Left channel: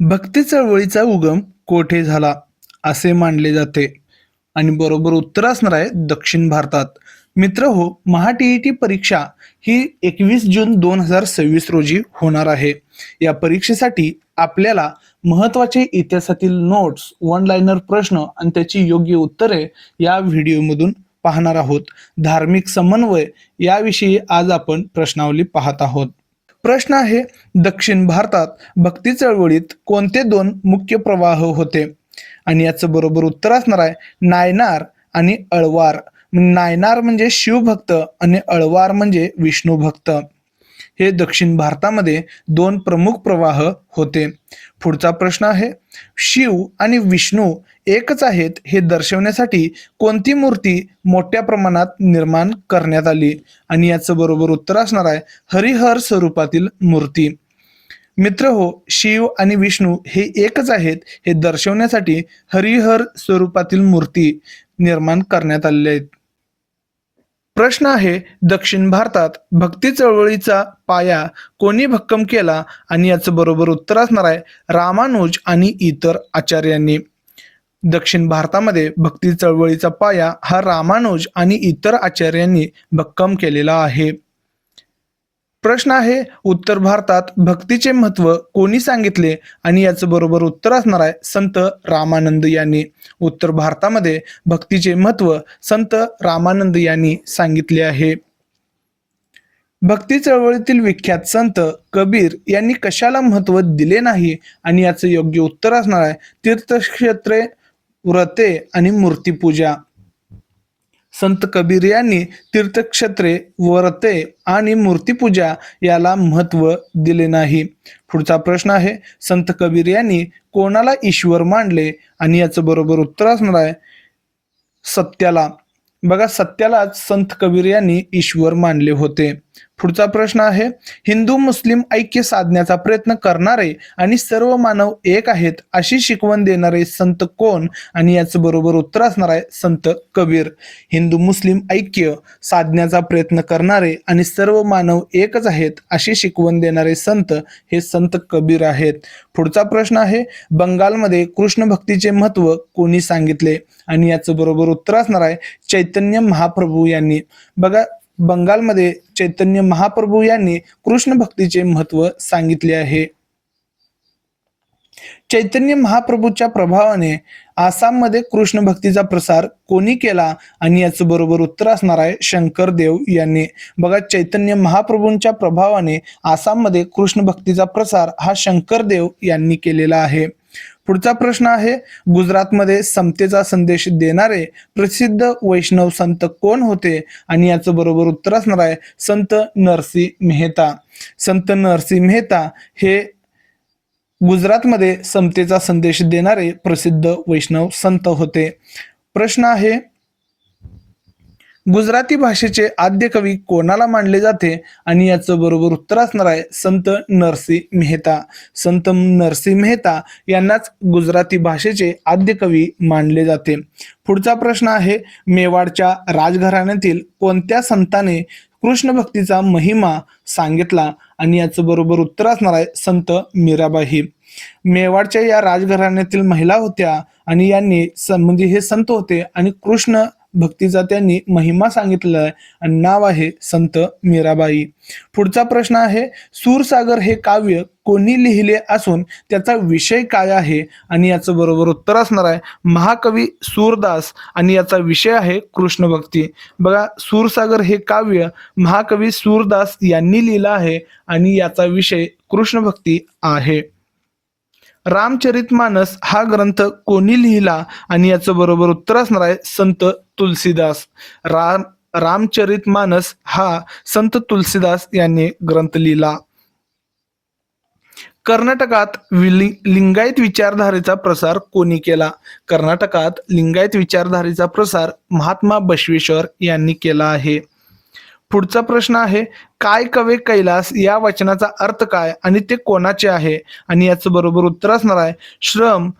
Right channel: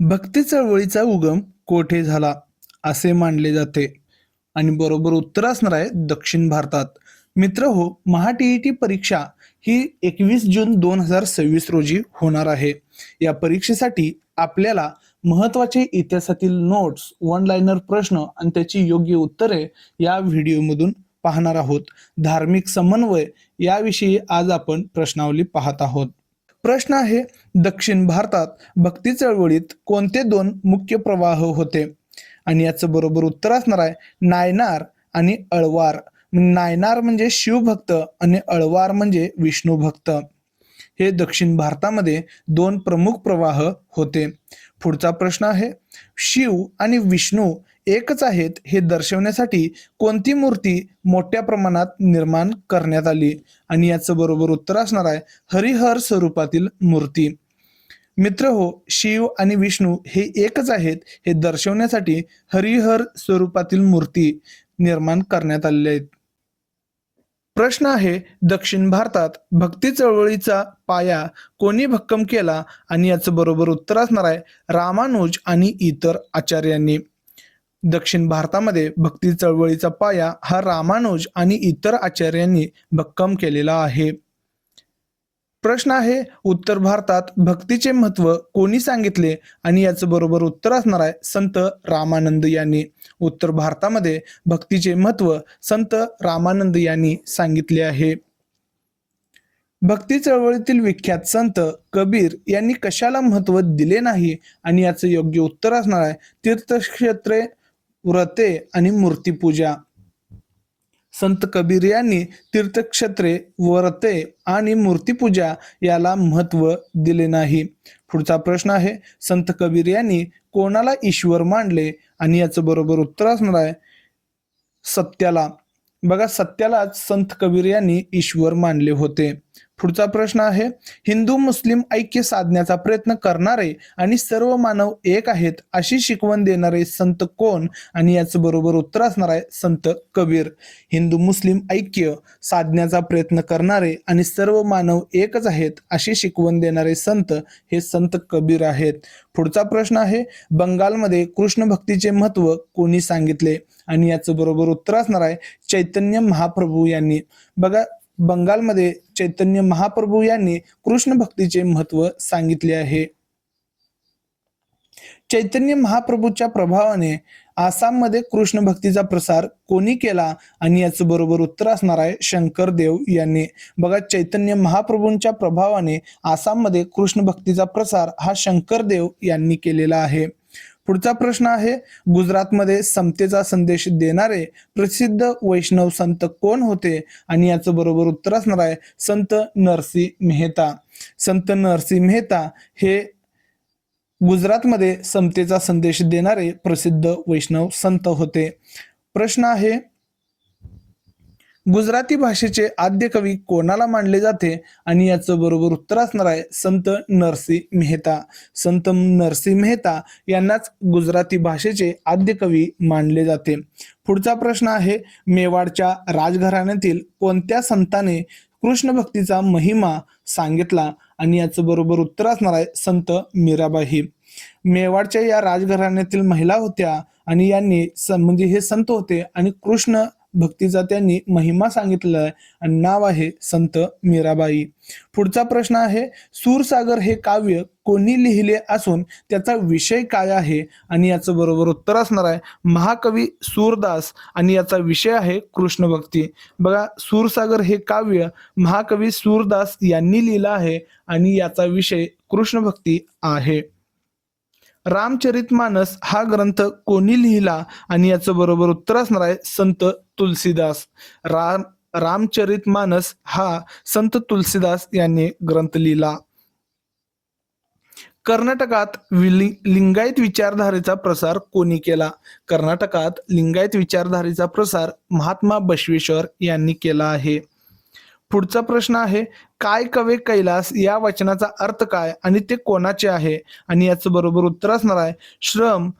भक्ती चळवळीचा उगम कोठे झाला असे मानले जाते आणि बरोबर उत्तर असणार आहे दक्षिण भारतात. मित्र हो, टी परीक्षा ही 21 जून 2026 रोजी होणार आहे. या परीक्षेसाठी आपल्याला महत्वाचे इतिहासातील नोट्स, वन लाइनर प्रश्न आणि त्याची योग्य उत्तरे या व्हिडिओमधून पाहणार आहोत. धार्मिक समन्वय याविषयी आज आपण प्रश्नावली पाहत आहोत. प्रश्न आहे, दक्षिण भारतात भक्ती चळवळीत कोणते दोन मुख्य प्रवाह होते? आणि याचं बरोबर उत्तर असणार आहे नायनार आणि अळवार. नायनार म्हणजे शिवभक्त आणि अळवार म्हणजे विष्णू भक्त. हे दक्षिण भारतामध्ये दोन प्रमुख प्रवाह होते. पुढचा प्रश्न आहे, शिव आणि विष्णू एकच आहेत हे दर्शवण्यासाठी कोणती मूर्ती मोठ्या प्रमाणात निर्माण करण्यात आली? आणि याचं बरोबर उत्तर असणार आहे हरिहर स्वरूपातील मूर्ती. मित्र हो, शिव आणि विष्णू हे एकच आहेत हे दर्शवण्यासाठी हरिहर स्वरूपातील मूर्ती निर्माण करण्यात आलेल्या आहेत. प्रश्न आहे, दक्षिण भारतात भक्ती चळवळीचा पाया कोणी भक्कम केला? आणि याचं बरोबर उत्तर असणार आहे रामानुज आणि इतर आचार्यांनी. दक्षिण भारतामध्ये भक्ती चळवळीचा पाया हा रामानुज आणि इतर आचार्यांनी भक्कम केलेला आहे. प्रश्न आहे, उत्तर भारतात भक्तीचे महत्व कोणी सांगितले? आणि याचं बरोबर उत्तर असणार आहे संत रामानंद यांनी. उत्तर भारतामध्ये भक्तीचे महत्व संत रामानंद यांनी सांगितले आहे. भक्ती चळवळीतील विख्यात संत कबीर यांनी कशाला महत्व दिले नाही? आणि याचं योग्य उत्तर असणार आहे तीर्थक्षेत्रे, व्रते आणि मूर्तीपूजा. संत कबीर यांनी तीर्थक्षेत्रे, व्रते आणि मूर्तीपूजा याला महत्व दिले नाही. पुढचा प्रश्न आहे, संत कबीर यांनी कोणाला ईश्वर मानले? आणि याचं बरोबर उत्तर असणार आहे सत्याला. बघा, सत्यालाच संत कबीर यांनी ईश्वर मानले होते. पुढचा प्रश्न आहे, हिंदू मुस्लिम ऐक्य साधण्याचा प्रयत्न करणारे आणि सर्व मानव एक आहेत अशी शिकवण देणारे संत कोण? आणि याचं बरोबर उत्तर असणार आहे संत कबीर. हिंदू मुस्लिम ऐक्य साधण्याचा प्रयत्न करणारे आणि सर्व मानव एकच आहेत अशी शिकवण देणारे संत हे संत कबीर आहेत. पुढचा प्रश्न आहे, बंगालमध्ये कृष्ण भक्तीचे महत्व कोणी सांगितले? आणि याचं बरोबर उत्तर असणार आहे चैतन्य महाप्रभू यांनी. बघा, बंगालमध्ये चैतन्य महाप्रभू यांनी कृष्ण भक्तीचे महत्व सांगितले आहे. चैतन्य महाप्रभूच्या प्रभावाने आसाममध्ये कृष्ण भक्तीचा प्रसार कोणी केला? आणि याचं बरोबर उत्तर असणार आहे शंकरदेव यांनी. बघा, चैतन्य महाप्रभूंच्या प्रभावाने आसाममध्ये कृष्ण भक्तीचा प्रसार हा शंकरदेव यांनी केलेला आहे. पुढचा प्रश्न आहे, गुजरातमध्ये समतेचा संदेश देणारे प्रसिद्ध वैष्णव संत कोण होते? आणि याचं बरोबर उत्तर असणार आहे संत नरसिंह मेहता. संत नरसिंह मेहता हे गुजरातमध्ये समतेचा संदेश देणारे प्रसिद्ध वैष्णव संत होते. प्रश्न आहे, गुजराती भाषेचे आद्य कवी कोणाला मानले जाते? आणि याचं बरोबर उत्तर असणार आहे संत नरसिंह मेहता. संत नरसिंह मेहता यांनाच गुजराती भाषेचे आद्य कवी मानले जाते. पुढचा प्रश्न आहे, मेवाडच्या राजघराण्यातील कोणत्या संताने कृष्ण भक्तीचा महिमा सांगितला? आणि याचं बरोबर उत्तर असणार आहे संत मीराबाई. मेवाडच्या या राजघराण्यातील महिला होत्या आणि यांनी म्हणजे हे संत होते आणि कृष्ण भक्तीचा त्यांनी महिमा सांगितलेला आहे आणि नाव आहे संत मीराबाई. पुढचा प्रश्न आहे, सूरसागर हे काव्य कोणी लिहिले असून त्याचा विषय काय आहे? आणि याचं बरोबर उत्तर असणार आहे महाकवी सूरदास आणि याचा विषय आहे कृष्ण भक्ती. बघा, सूरसागर हे काव्य महाकवी सूरदास यांनी लिहिलं आहे आणि याचा विषय कृष्ण भक्ती आहे. रामचरितमानस हा ग्रंथ कोणी लिहिला? आणि याचं बरोबर उत्तर असणार आहे संत तुलसीदास. रामचरितमानस हा संत तुलसीदास यांनी ग्रंथ लिहिला. कर्नाटकात लिंगायत विचारधारेचा प्रसार कोणी केला? कर्नाटकात लिंगायत विचारधारेचा प्रसार महात्मा बसवेश्वर यांनी केला आहे. पुढचा प्रश्न आहे, काय कवे कैलास या वचनाचा अर्थ काय आणि ते कोणाचे आहे? आणि याचं बरोबर उत्तर असणार आहे श्रम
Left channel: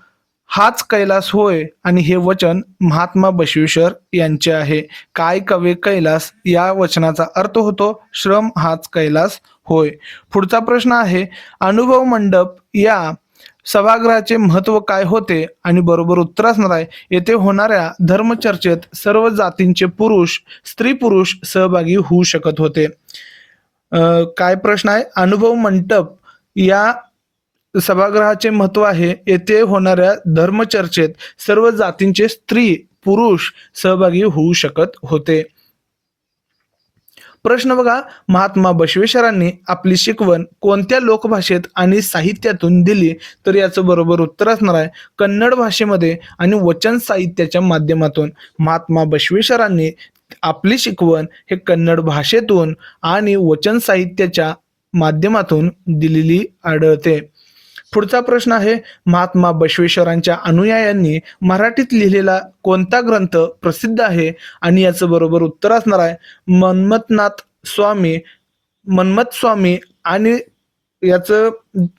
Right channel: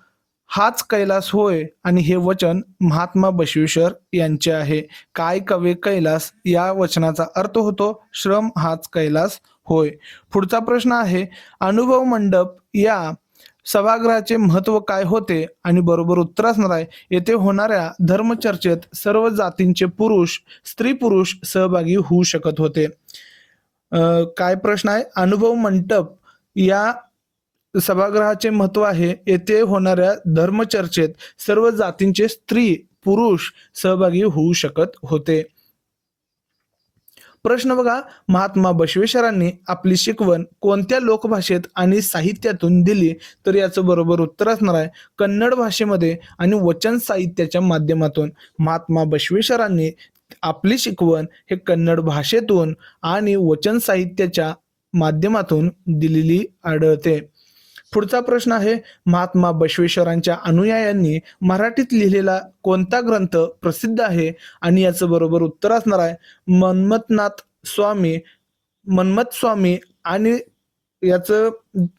हाच कैलास होय आणि हे वचन महात्मा बसवेश्वर यांचे आहे. काय कवे कैलास या वचनाचा अर्थ होतो श्रम हाच कैलास होय. पुढचा प्रश्न आहे, अनुभव मंडप या सभागृहाचे महत्व काय होते आणि बरोबर उत्तर असणार आहे येथे होणाऱ्या धर्मचर्चेत सर्व जातींचे पुरुष स्त्री पुरुष सहभागी होऊ शकत होते. काय प्रश्न आहे, अनुभव मंडप या सभागृहाचे महत्व आहे येथे होणाऱ्या धर्मचर्चेत सर्व जातींचे स्त्री पुरुष सहभागी होऊ शकत होते. प्रश्न बघा, महात्मा बसवेश्वरांनी आपली शिकवण कोणत्या लोकभाषेत आणि साहित्यातून दिली? तर याचं बरोबर उत्तर असणार आहे कन्नड भाषेमध्ये आणि वचन साहित्याच्या माध्यमातून. महात्मा बसवेश्वरांनी आपली शिकवण हे कन्नड भाषेतून आणि वचन साहित्याच्या माध्यमातून दिलेली आढळते. पुढचा प्रश्न आहे, महात्मा बसवेश्वरांच्या अनुयायांनी मराठीत लिहिलेला कोणता ग्रंथ प्रसिद्ध आहे? आणि याचं बरोबर उत्तर असणार आहे मन्मथ स्वामी आणि याचं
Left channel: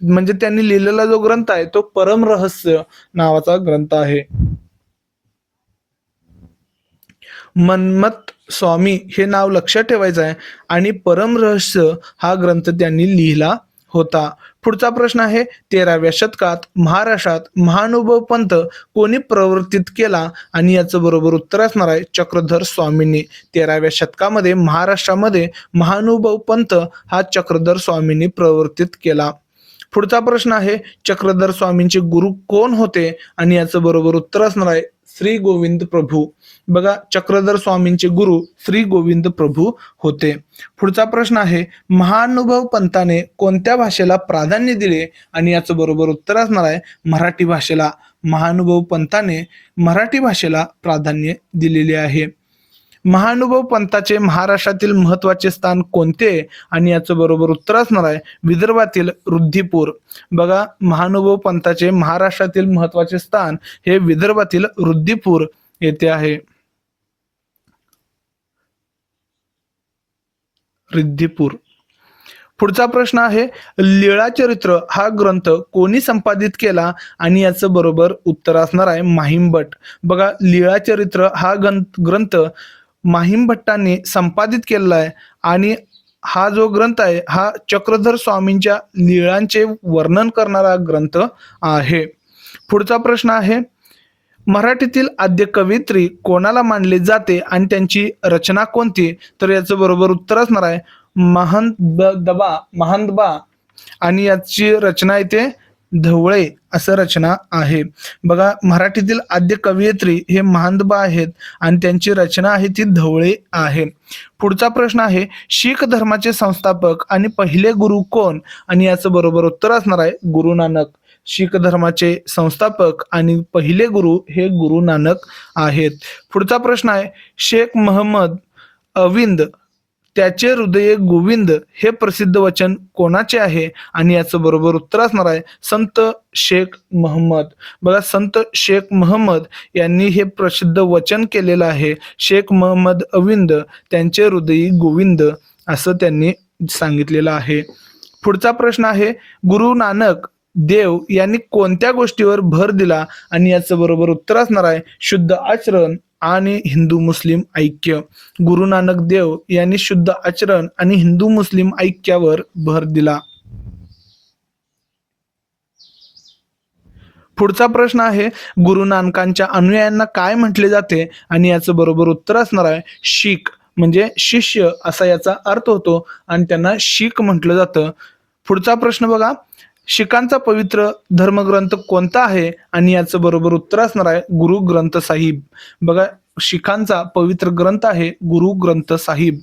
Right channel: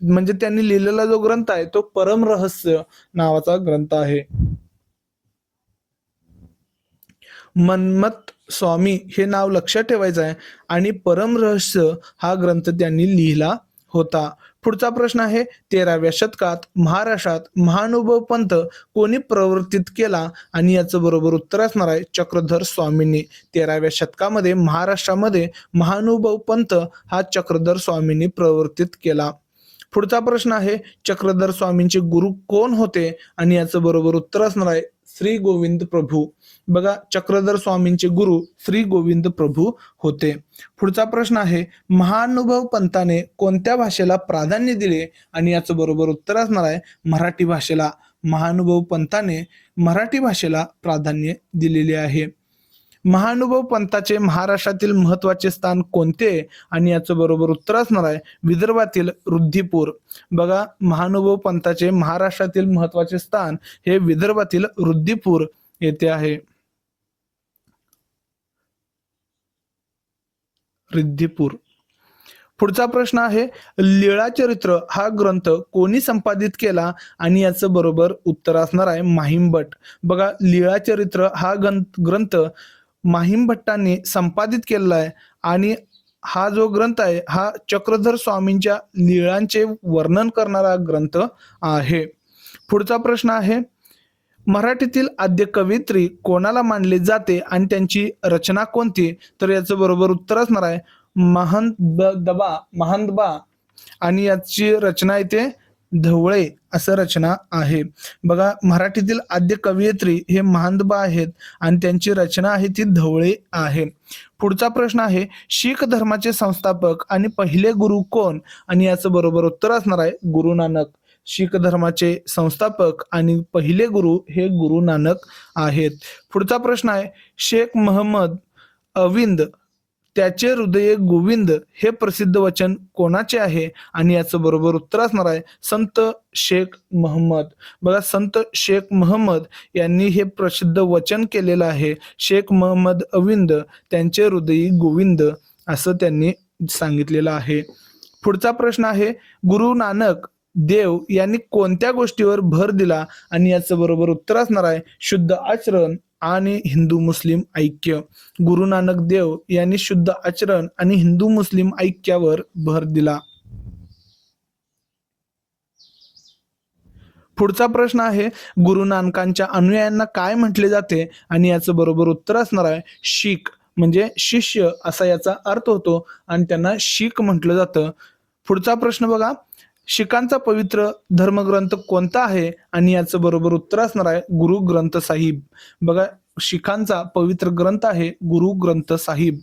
म्हणजे त्यांनी लिहिलेला जो ग्रंथ आहे तो परमरहस्य नावाचा ग्रंथ आहे. मन्मथ स्वामी हे नाव लक्षात ठेवायचं आहे आणि परमरहस्य हा ग्रंथ त्यांनी लिहिला होता. पुढचा प्रश्न आहे, 13व्या शतकात महाराष्ट्रात महानुभव पंथ कोणी प्रवर्तित केला? आणि याचं बरोबर उत्तर असणार आहे चक्रधर स्वामींनी. 13व्या शतकामध्ये महाराष्ट्रामध्ये महानुभव पंथ हा चक्रधर स्वामींनी प्रवर्तित केला. पुढचा प्रश्न आहे, चक्रधर स्वामींचे गुरु कोण होते? आणि याचं बरोबर उत्तर असणार आहे श्री गोविंद प्रभू. बघा, चक्रधर स्वामींचे गुरु श्री गोविंद प्रभू होते. पुढचा प्रश्न आहे, महानुभव पंथाने कोणत्या भाषेला प्राधान्य दिले? आणि याचं बरोबर उत्तर असणार आहे मराठी भाषेला. महानुभव पंथाने मराठी भाषेला प्राधान्य दिलेले आहे. महानुभव पंथाचे महाराष्ट्रातील महत्वाचे स्थान कोणते? आणि याचं बरोबर उत्तर असणार आहे विदर्भातील रुद्रपूर. बघा, महानुभव पंथाचे महाराष्ट्रातील महत्वाचे स्थान हे विदर्भातील रुद्रपूर येथे आहे. रुद्रपूर. पुढचा प्रश्न आहे, लीळाचरित्र हा ग्रंथ कोणी संपादित केला? आणि याचं बरोबर उत्तर असणार आहे माहिमभट्ट. बघा, लीळाचरित्र हा ग्रंथ माहिमभट्टांनी संपादित केलेला आहे आणि हा जो ग्रंथ आहे हा चक्रधर स्वामींच्या लीळांचे वर्णन करणारा ग्रंथ आहे. पुढचा प्रश्न आहे, मराठीतील आद्य कवयित्री कोणाला मानले जाते आणि त्यांची रचना कोणती? तर याचं बरोबर उत्तर असणार आहे महानदबा आणि याची रचना इथे धवळे असं रचना आहे. बघा, मराठीतील आद्य कवयित्री हे महानदबा आहेत आणि त्यांची रचना आहे ती धवळे आहे. पुढचा प्रश्न आहे, शीख धर्माचे संस्थापक आणि पहिले गुरु कोण? आणि याचं बरोबर उत्तर असणार आहे गुरु नानक. शीख धर्माचे संस्थापक आणि पहिले गुरु हे गुरु नानक आहेत. पुढचा प्रश्न आहे, शेख महम्मद अविंद त्याचे हृदय गोविंद हे प्रसिद्ध वचन कोणाचे आहे? आणि याचं बरोबर उत्तर असणार आहे संत शेख महम्मद. बघा, संत शेख महम्मद यांनी हे प्रसिद्ध वचन केलेलं आहे. शेख महम्मद अविंद त्यांचे हृदय गोविंद असं त्यांनी सांगितलेलं आहे. पुढचा प्रश्न आहे, गुरु नानक देव यांनी कोणत्या गोष्टीवर भर दिला? आणि याचं बरोबर उत्तर असणार आहे शुद्ध आचरण आणि हिंदू मुस्लिम ऐक्य. गुरु नानक देव यांनी शुद्ध आचरण आणि हिंदू मुस्लिम ऐक्यावर भर दिला. पुढचा प्रश्न आहे, गुरु नानकांच्या अनुयायांना काय म्हटले जाते? आणि याचं बरोबर उत्तर असणार आहे शीख, म्हणजे शिष्य असा याचा अर्थ होतो आणि त्यांना शीख म्हटलं जातं. पुढचा प्रश्न बघा, शीखांचा पवित्र धर्मग्रंथ कोणता आहे? आणि याचं बरोबर उत्तर असणार आहे गुरु ग्रंथ साहिब. बघा, शीखांचा पवित्र ग्रंथ आहे गुरु ग्रंथ साहिब.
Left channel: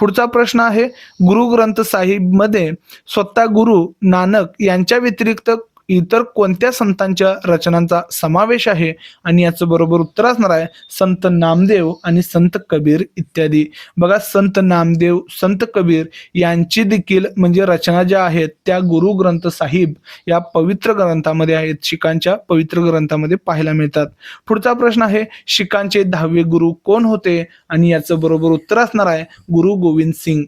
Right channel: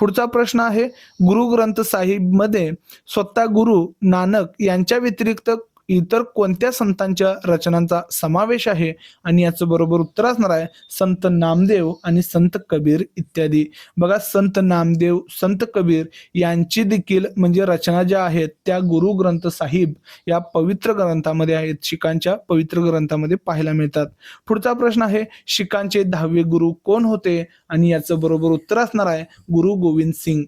पुढचा प्रश्न आहे, गुरु ग्रंथ साहिब मध्ये स्वतः गुरु नानक यांच्या व्यतिरिक्त इतर कोणत्या संतांच्या रचनांचा समावेश आहे? आणि याचं बरोबर उत्तर असणार आहे संत नामदेव आणि संत कबीर इत्यादी. बघा, संत नामदेव संत कबीर यांची देखील म्हणजे रचना ज्या आहेत त्या गुरु ग्रंथ साहिब या पवित्र ग्रंथामध्ये आहेत, शीखांच्या पवित्र ग्रंथामध्ये पाहायला मिळतात. पुढचा प्रश्न आहे, शीखांचे 10वे गुरु कोण होते? आणि याचं बरोबर उत्तर असणार आहे गुरु गोविंद सिंग.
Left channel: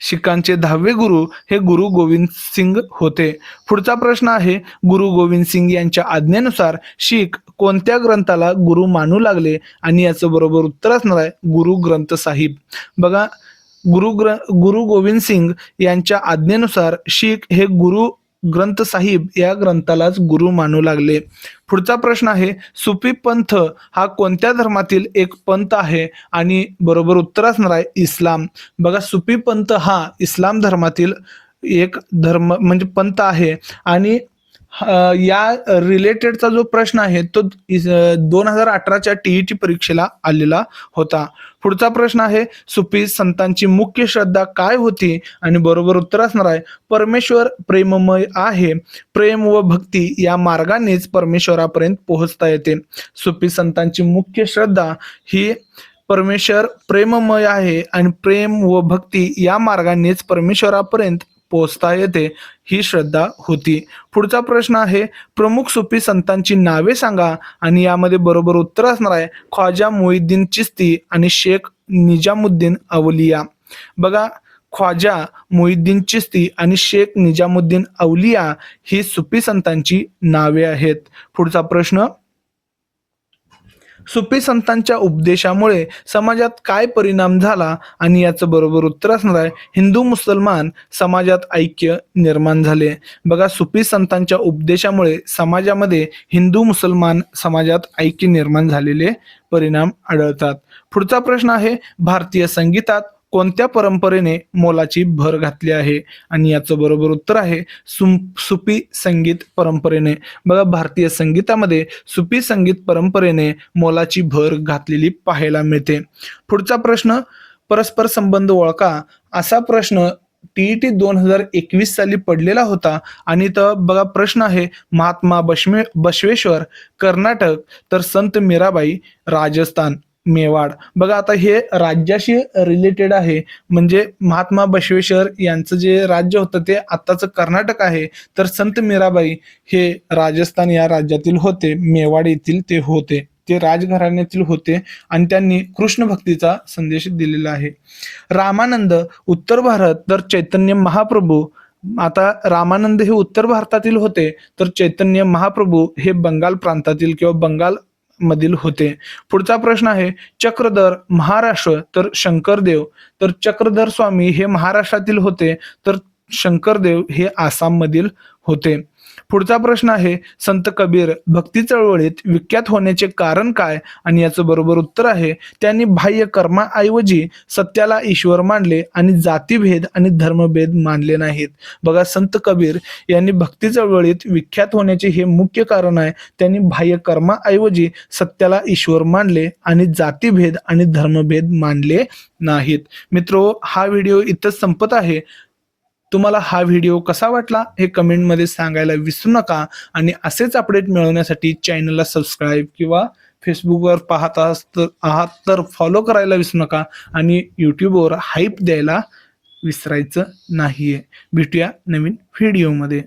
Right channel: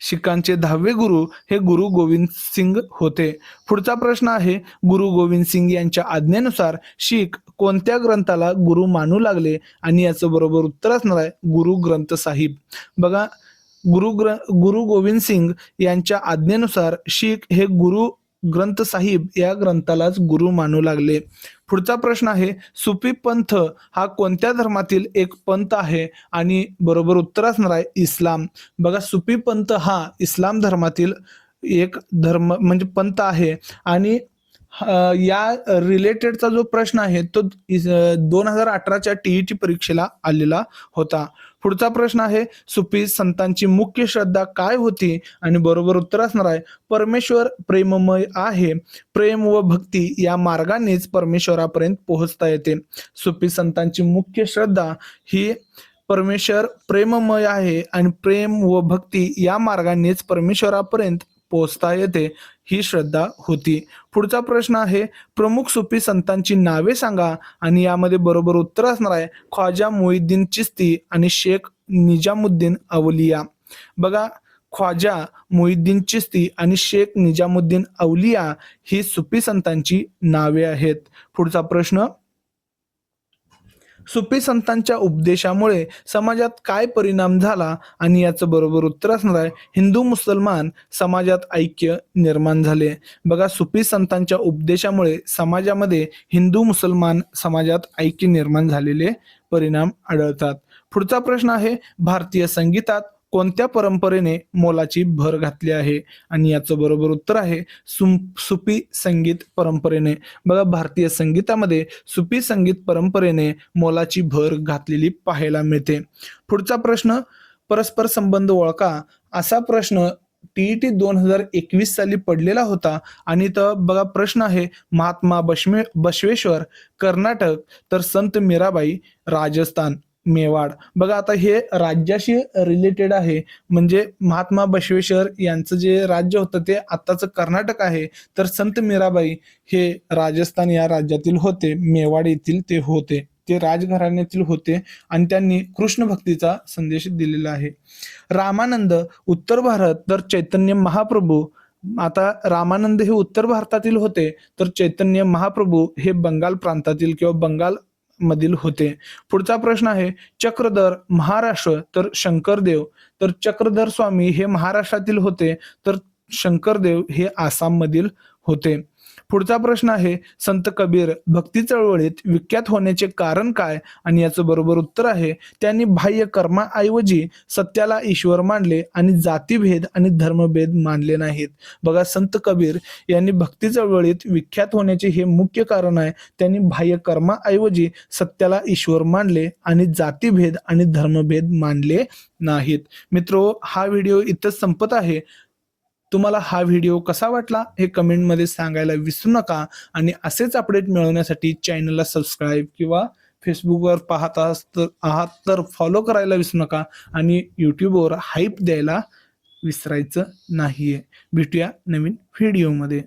शीखांचे 10वे गुरु हे गुरु गोविंद सिंग होते. पुढचा प्रश्न आहे, गुरु गोविंद सिंग यांच्या आज्ञेनुसार शीख कोणत्या ग्रंथाला गुरु मानू लागले? आणि याचं बरोबर उत्तर असणार आहे गुरु ग्रंथ साहिब. बघा, गुरु गोविंद सिंग यांच्या आज्ञेनुसार शीख हे गुरु ग्रंथ साहिब या ग्रंथालाच गुरु मानू लागले. पुढचा प्रश्न आहे, सुफी पंथ हा कोणत्या धर्मातील एक पंथ आहे? आणि बरोबर उत्तर असणार आहे इस्लाम. बघा, सुफी पंथ हा इस्लाम धर्मातील एक धर्म म्हणजे पंथ आहे. आणि या रिलेटेडचा जो प्रश्न आहे तो 2018च्या टीईटी परीक्षेला आलेला होता. पुढचा प्रश्न आहे, सुफी संतांची मुख्य श्रद्धा काय होती? आणि बरोबर उत्तर असणार आहे परमेश्वर प्रेममय आहे. प्रेम व भक्ती या मार्गानेच परमेश्वरापर्यंत पोहोचता येते. सुफी संतांची मुख्य श्रद्धा ही परमेश्वर प्रेममय आहे आणि प्रेम व भक्ती या मार्गानेच परमेश्वरापर्यंत पोहोचता येते ही श्रद्धा होती. पुढचा प्रश्न आहे, प्रमुख सुफी संतांची नावे सांगा. आणि यामध्ये बरोबर उत्तर असणार आहे ख्वाजा मुईद्दीन चिश्ती आणि शेख निजामुद्दीन अवलिया. बघा, ख्वाजा मुईद्दीन चिश्ती आणि शेख निजामुद्दीन अवलिया ही सुफी संतांची नावे आहेत. पुढचा प्रश्न, सुफी संतांच्या उपदेशामुळे समाजात काय परिणाम झाला? आणि याचं बरोबर उत्तर असणार आहे हिंदू मुसलमान समाजात ऐक्य निर्माण झाले. बघा, सुफी संतांच्या उपदेशामुळे समाजामध्ये हिंदू मुसलमान समाजात ऐक्य निर्माण झालेले परिणाम आढळतात. पुढचा प्रश्न आहे, भारतीय संगीतात कोणत्या परंपरेने मोलाची भर घातली आहे? आणि याचं बरोबर उत्तर आहे सुफी संगीत परंपरेने. बघा, भारतीय संगीतामध्ये सुफी संगीत परंपरेने मोलाची भर घातलेली पाहायला मिळते. पुढचा प्रश्न, परस्पर संबंध ओळखा असा प्रश्न टीईटी 2021 साली पडलेला होता. आणि तर बघा, प्रश्न आहे महात्मा बसवेश्वर कर्नाटक, तर संत मीराबाई राजस्थान मेवाड. बघा, आता हे राज्याशी रिलेटेड आहे. म्हणजे महात्मा बसवेश्वर यांचं जे राज्य होतं ते आत्ताचं कर्नाटक आहे, तर संत मीराबाई हे राजस्थान या राज्यातील होते, मेवाड येथील ते होते. ते राजघराण्यातील होते आणि त्यांनी कृष्ण भक्तीचा संदेश दिलेला आहे. रामानंद उत्तर भारत, तर चैतन्य महाप्रभू. आता रामानंद हे उत्तर भारतातील होते, तर चैतन्य महाप्रभू हे बंगाल प्रांतातील किंवा बंगाल मधील होते. पुढचा प्रश्न आहे, चक्रधर महाराष्ट्र, तर शंकरदेव. तर चक्रधर स्वामी हे महाराष्ट्रातील होते, तर शंकरदेव हे आसाम मधील होते. पुढचा प्रश्न आहे, संत कबीर भक्ती चळवळीत विख्यात होण्याचे कारण काय? आणि याचं बरोबर उत्तर आहे त्यांनी बाह्य कर्माऐवजी सत्याला ईश्वर मानले आणि जातीभेद आणि धर्मभेद मानले नाहीत. बघा, संत कबीर यांनी भक्ती चळवळीत विख्यात होण्याचे हे मुख्य कारण आहे. त्यांनी बाह्य कर्माऐवजी सत्याला ईश्वर मानले आणि जातीभेद आणि धर्मभेद मानले नाहीत. मित्रो, हा व्हिडिओ इथंच संपत आहे. तुम्हाला हा व्हिडिओ कसा वाटला हे कमेंटमध्ये सांगायला विसरू नका. आणि असेच अपडेट मिळवण्यासाठी चॅनलला सबस्क्राईब किंवा फेसबुकवर पाहत आहात तर फॉलो करायला विसरू नका. आणि यूट्यूबवर हाईप द्यायला विसरायचं नाहीये. भेटूया नवीन व्हिडिओमध्ये.